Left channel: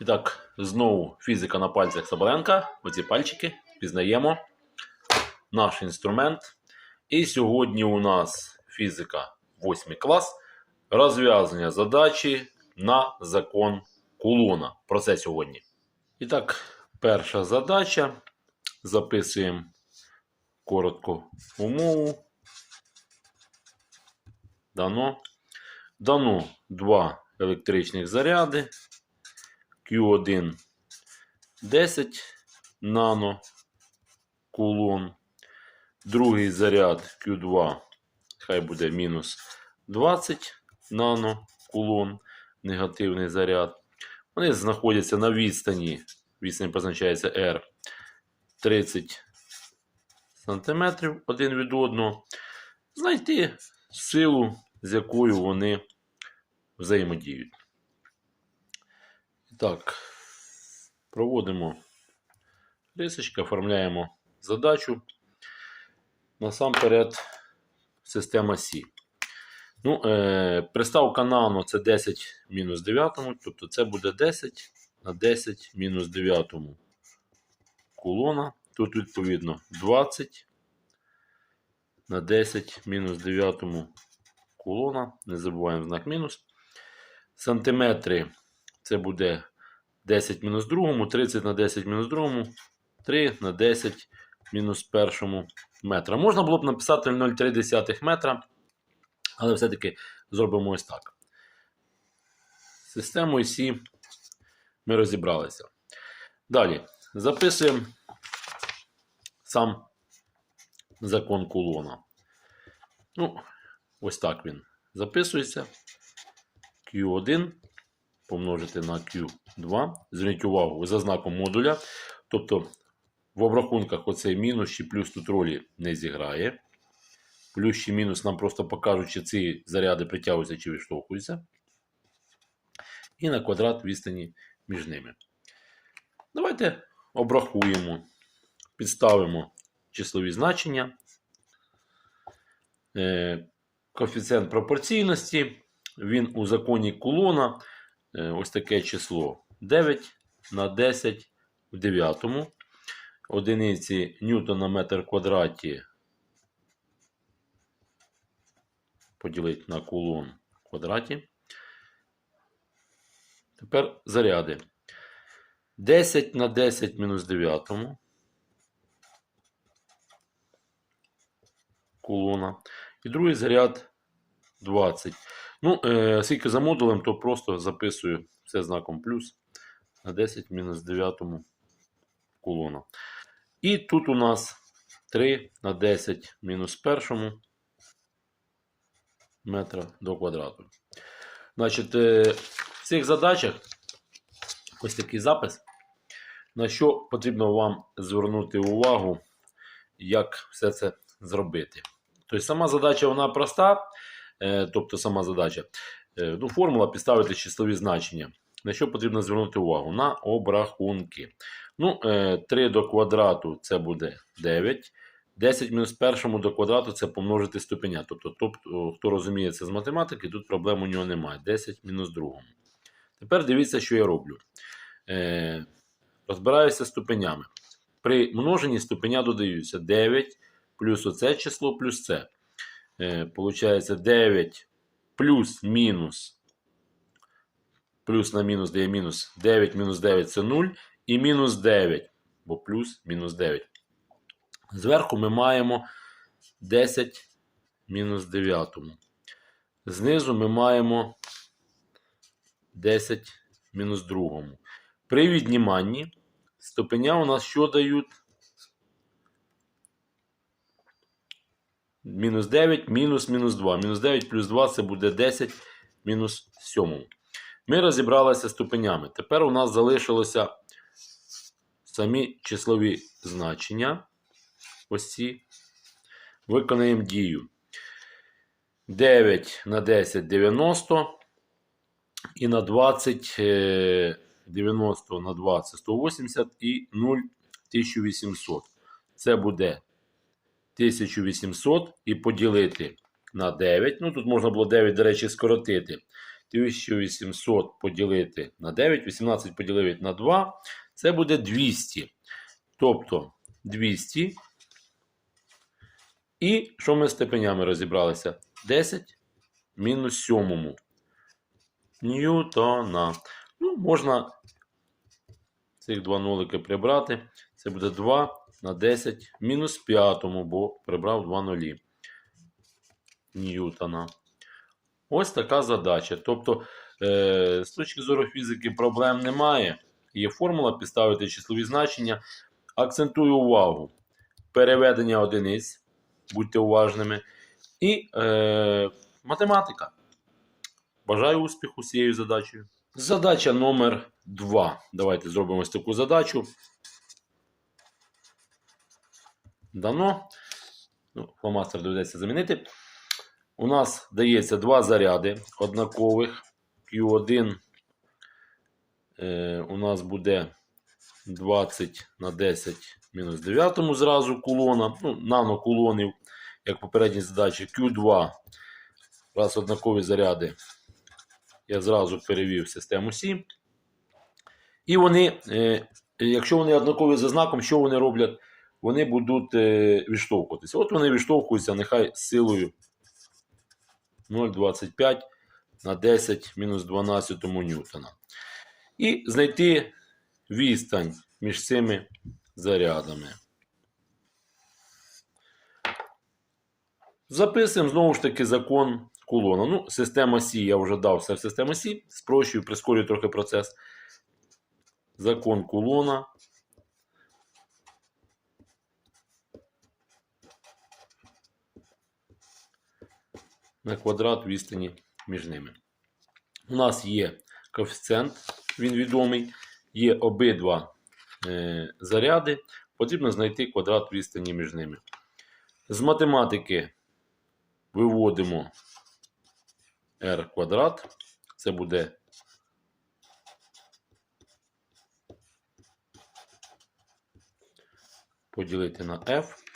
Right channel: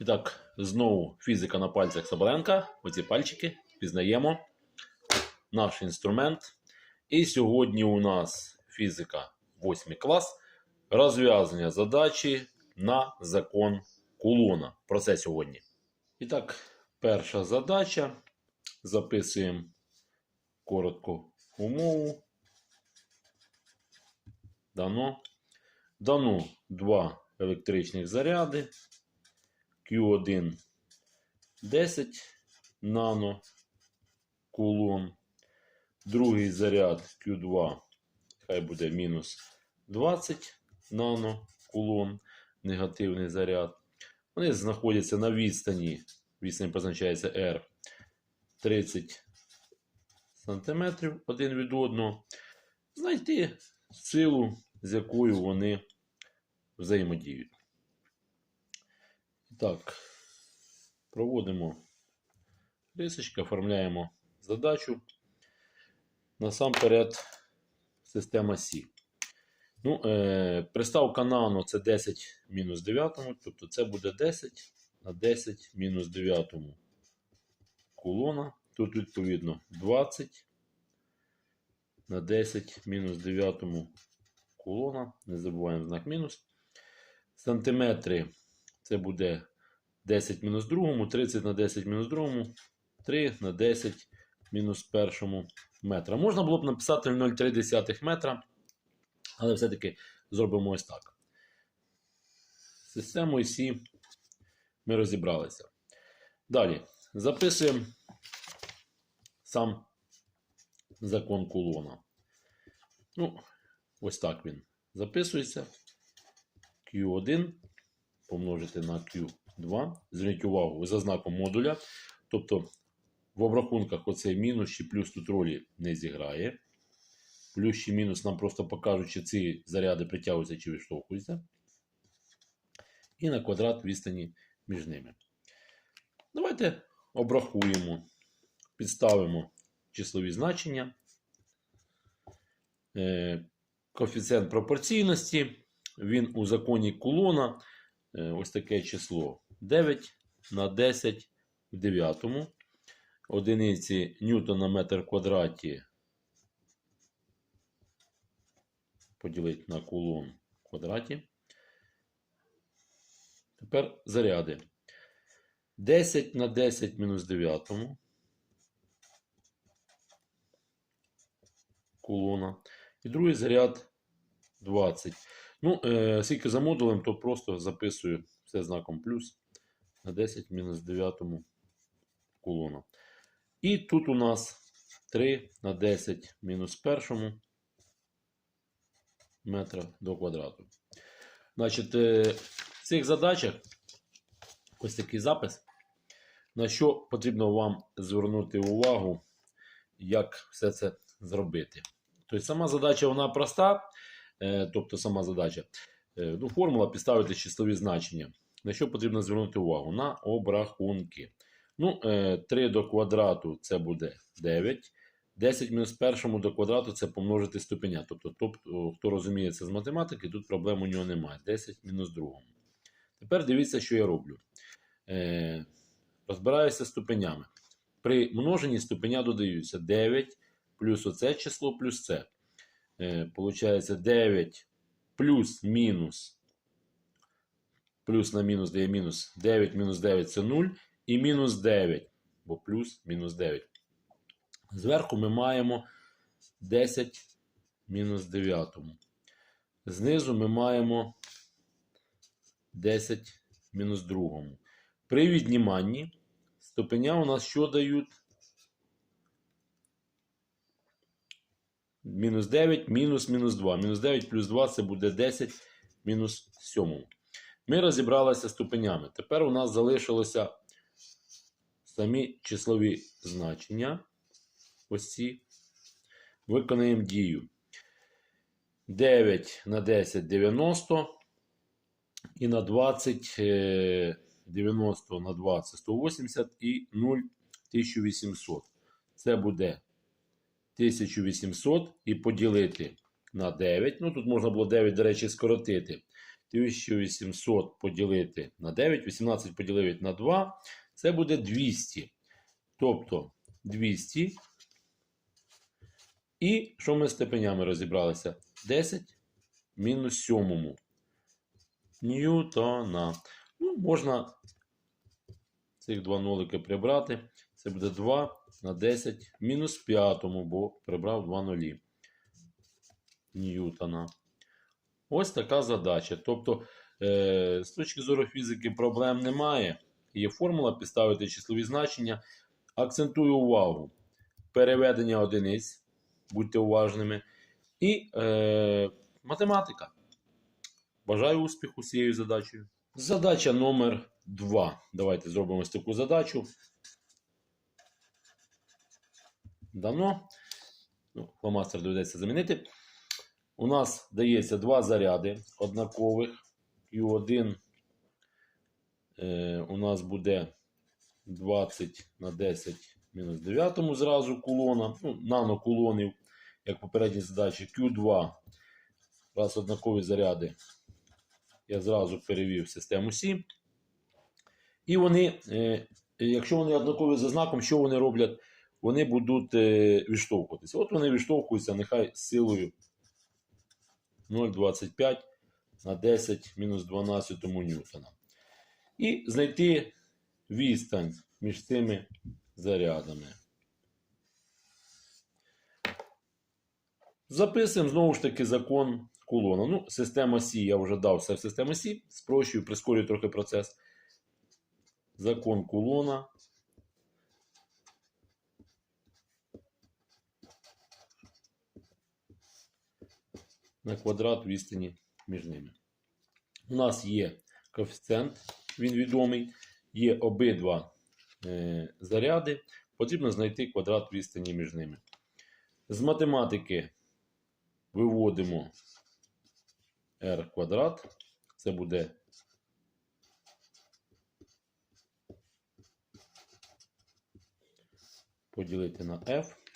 І так, знову фізика на пальцях Соболенка. Оці пальчики пізнаємо наш інструмент. І сьогодні у нас фізика 8 клас. Розв'язання задачі на закон кулона. Про це сьогодні. І так, перша задача. Записуємо коротко умову. Дано. Дано два електричних заряди. Q1 10 нано кулон. Другий заряд Q2, хай буде мінус 20 нано кулон, негативний заряд. Вони знаходяться на відстані, відстань позначається R 30 см один від одного. Знайти силу, з якою вони взаємодіють. Так, проводимо рисочки, оформляємо задачу. Насамперед, система Сі. Ну, е, приставка нану це 10 мінус 9, тобто це буде 10 на 10 мінус 9 кулона. Тут, відповідно, 20 на 10 мінус 9 кулона. Не забуваємо знак мінус. Сантиметри це буде 10 мінус 2, 30 на 10 мінус 2, 3 на 10 мінус 1 метра. Можна було б написати 0,3 метра, але все-таки зробимо ось так. З Системою ми розібралися. Далі записуємо сам закон кулона. Ну, ось так він записується. Q1 помножити на Q2. Зверніть увагу за знаком модуля. Тобто в обрахунках оцей мінус чи плюс тут ролі не зіграє. Плюс чи мінус нам просто покажуть, чи ці заряди притягуються чи відштовхуються. І на квадрат відстані між ними. Давайте обрахуємо, підставимо числові значення. Е, Коефіцієнт пропорційності. Він у законі кулона ось таке число 9 на 10 в 9. Одиниці ньютон на метр квадраті поділити на кулон в квадраті. Тепер заряди. 10 на 10 мінус 9 кулона. І другий заряд 20. Ну, е, оскільки за модулем, то просто записую все знаком плюс на 10 мінус 9 кулона. І тут у нас 3 на 10 мінус 1 метра до квадрату. Значить, е, в цих задачах ось такий запис. На що потрібно вам звернути увагу, як все це зробити. Тобто сама задача вона проста, тобто сама задача. Е, ну, Формула підставити числові значення. На що потрібно звернути увагу? На обрахунки. Ну, е, 3 до квадрату це буде 9. 10 мінус першому до квадрату це помножити ступеня. Тобто, тобто, хто розуміє це з математики, тут проблем у нього немає. 10 мінус другому. Тепер дивіться, що я роблю. Е, Розбираюся ступенями. При множенні ступеня додаються 9 плюс оце число плюс це. Е, Получається 9 плюс мінус. Плюс на мінус дає мінус 9 мінус 9 це 0. І мінус 9, бо плюс мінус 9. Зверху ми маємо 10 мінус 9. Знизу ми маємо 10 мінус 2. При відніманні ступеня у нас що дають? Мінус 9, мінус мінус 2. Мінус 9 плюс 2 це буде 10 мінус 7. Ми розібралися ступенями. Тепер у нас залишилося самі числові значення. Ось ці. Виконаємо дію. 9 на 10 90. І на 20 е, 90 на 20 180 і 0 1800. Це буде 1800 і поділити на 9. Ну, тут можна було 9, до речі, скоротити. 1800 поділити на 9, 18 поділити на 2, це буде 200. Тобто 200. І що ми з степенями розібралися? 10 мінус 7 ньютона. Ну, можна цих два нолики прибрати. Це буде 2 на 10 мінус 5, бо прибрав 2 нулі. Ньютона. Ось така задача. Тобто, е, з точки зору фізики проблем немає. Є формула, підставити числові значення. Акцентую увагу. Переведення одиниць. Будьте уважними. І е, математика. Бажаю успіху з цією задачею. Задача номер 2. Давайте зробимо ось таку задачу. Дано. Ну, фломастер доведеться замінити. У нас дається два заряди однакових. Q1 е, у нас буде 20 на 10 мінус 9 зразу кулона. Ну, нанокулонів, як в попередній задачі. Q2. Раз однакові заряди. Я зразу перевів систему Сі. І вони, е, якщо вони однакові за знаком, що вони роблять? Вони будуть е, відштовхуватися. От вони відштовхуються, нехай силою 0,25 на 10 мінус 12 ньютона. І знайти відстань між цими зарядами. Записуємо знову ж таки закон кулона. Ну, система Сі, я вже дав все в систему Сі. Спрощую, прискорюю трохи процес. Закон кулона. На квадрат відстані між ними. У нас є коефіцієнт, він відомий. Є обидва е, заряди. Потрібно знайти квадрат відстані між ними. З математики виводимо r квадрат. Це буде поділити на f.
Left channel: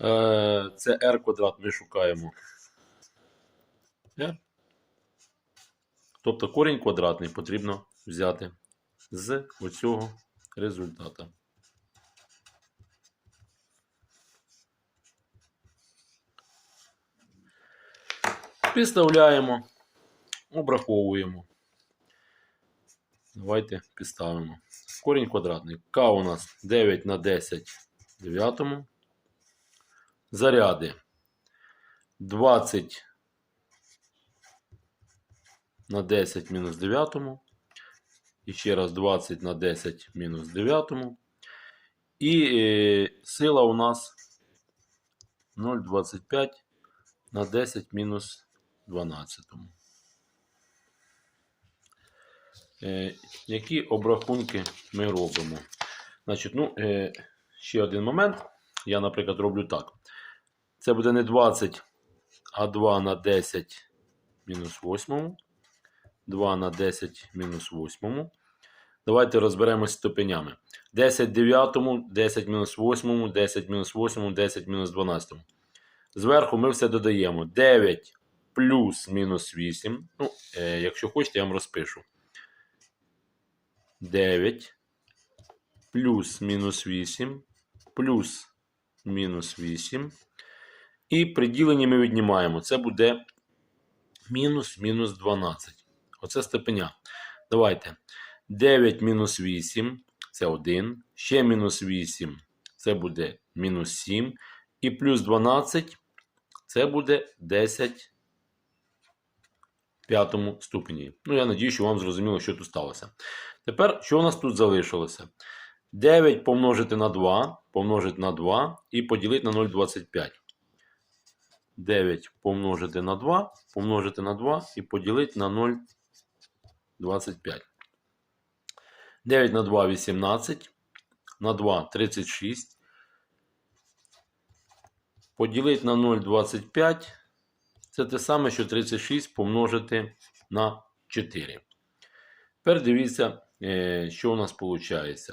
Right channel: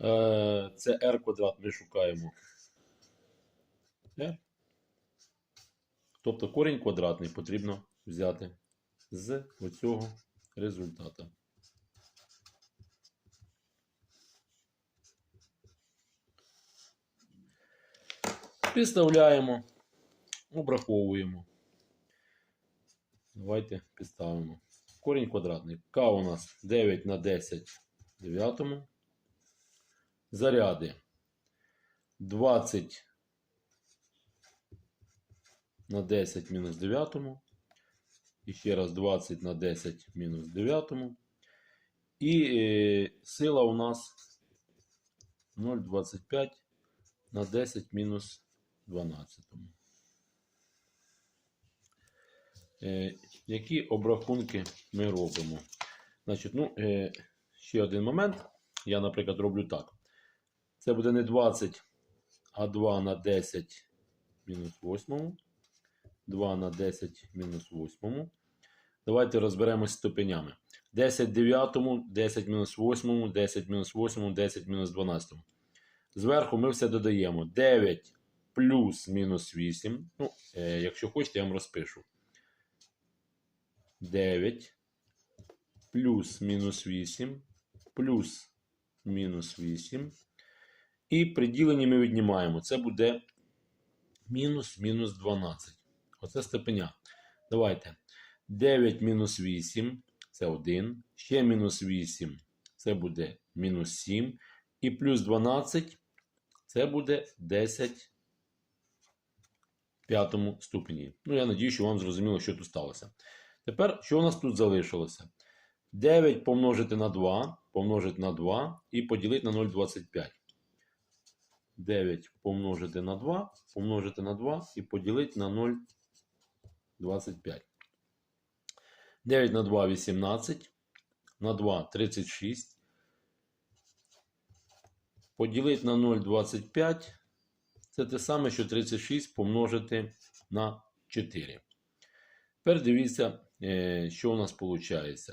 Е, Це r квадрат ми шукаємо. R. Тобто корінь квадратний потрібно взяти з оцього результата. Підставляємо, обраховуємо. Давайте підставимо. Корінь квадратний. К у нас 9 на 10 в 9. Заряди 20 на 10 мінус 9. І ще раз 20 на 10 мінус 9. І е, сила у нас 0,25 на 10 мінус 12. Е, які обрахунки ми робимо? Значить, ну, е, ще один момент. Я, наприклад, роблю так. Це буде не 20, а 2 на 10 мінус 8. 2 на 10 мінус 8. Давайте розберемось з ступенями. 10 9, 10 мінус 8, 10 мінус 8, 10 мінус 12. Зверху ми все додаємо. 9 плюс мінус 8. Ну, е, якщо хочете, я вам розпишу. 9 плюс мінус 8 плюс мінус 8. І при діленні ми віднімаємо. Це буде мінус мінус 12. Оце степеня. Давайте. 9 мінус 8 це 1. Ще мінус 8 це буде мінус 7. І плюс 12 це буде 10 в п'ятому ступені. Ну, я надію, що вам зрозуміло, що тут сталося. Тепер, що у нас тут залишилося? 9 помножити на 2, помножити на 2 і поділити на 0,25. 9 помножити на 2, помножити на 2 і поділити на 0,25. 9 на 2 18. На 2 36. Поділити на 0,25. Це те саме, що 36 помножити на 4. Тепер дивіться, що у нас виходить.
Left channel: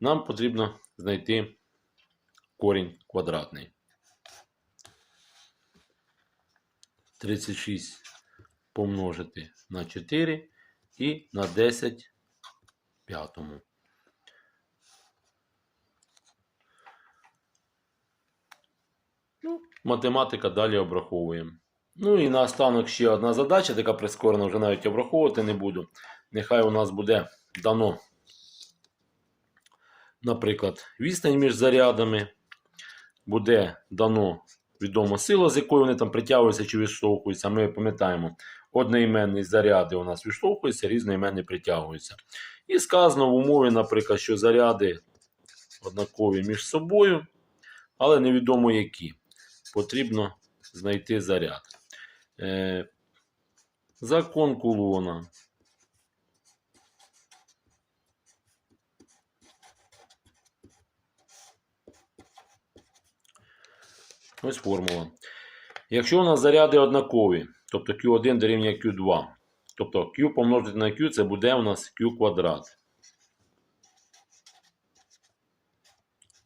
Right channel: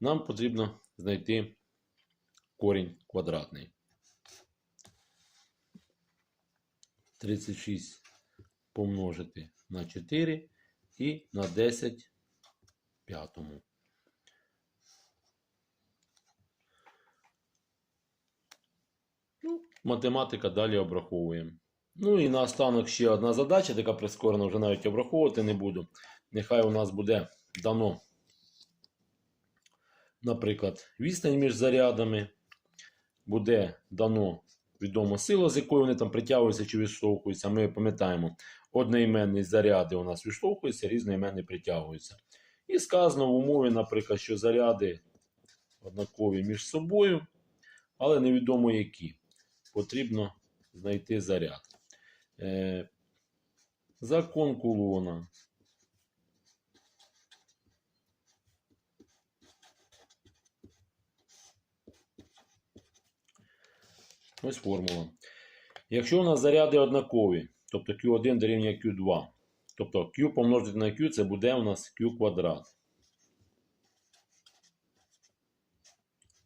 Нам потрібно знайти корінь квадратний. 36 помножити на 4 і на 10 п'ятому. Ну, математика далі обраховуємо. Ну і наостанок ще одна задача, така прискорена, вже навіть обраховувати не буду. Нехай у нас буде дано, наприклад, відстань між зарядами. Буде дано відома сила, з якою вони там притягуються чи відштовхуються. Ми пам'ятаємо, одноіменні заряди у нас відштовхуються, різноіменні притягуються. І сказано в умові, наприклад, що заряди однакові між собою, але невідомо які. Потрібно знайти заряд. Е, закон кулона. Ось формула. Якщо у нас заряди однакові, тобто Q1 дорівнює Q2, тобто Q помножити на Q, це буде у нас Q квадрат.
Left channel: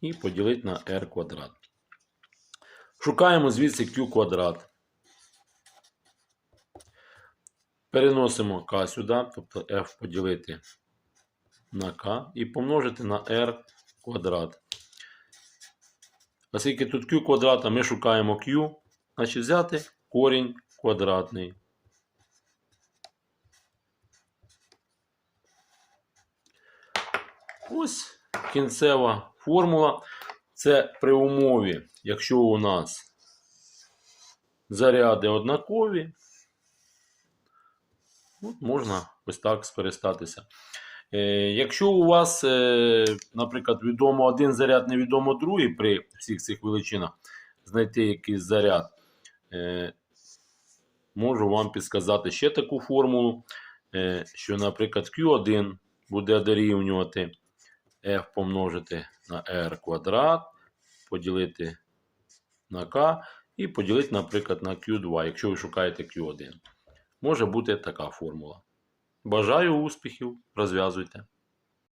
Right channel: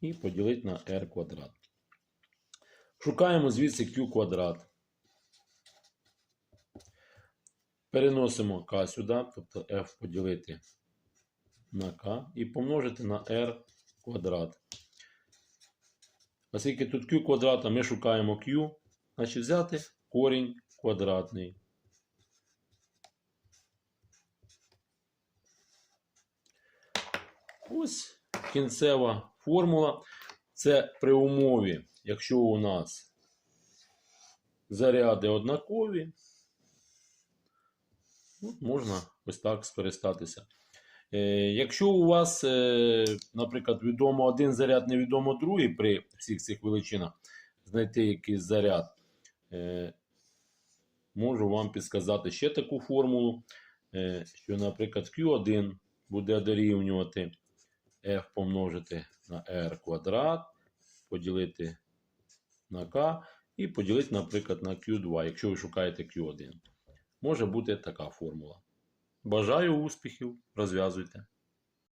І поділити на R квадрат. Шукаємо звідси Q квадрат. Переносимо К сюди, тобто F поділити на K і помножити на R квадрат. Оскільки тут Q квадрат, а ми шукаємо Q, значить взяти корінь квадратний. Ось кінцева формула. Це при умові, якщо у нас заряди однакові, от можна ось так скористатися. Е, Якщо у вас, е, наприклад, відомо один заряд, невідомо другий при всіх цих величинах, знайти якийсь заряд, е, можу вам підсказати ще таку формулу, що, наприклад, Q1 буде дорівнювати F помножити на R квадрат, поділити на K і поділити, наприклад, на Q2, якщо ви шукаєте Q1. Може бути така формула. Бажаю успіхів, розв'язуйте.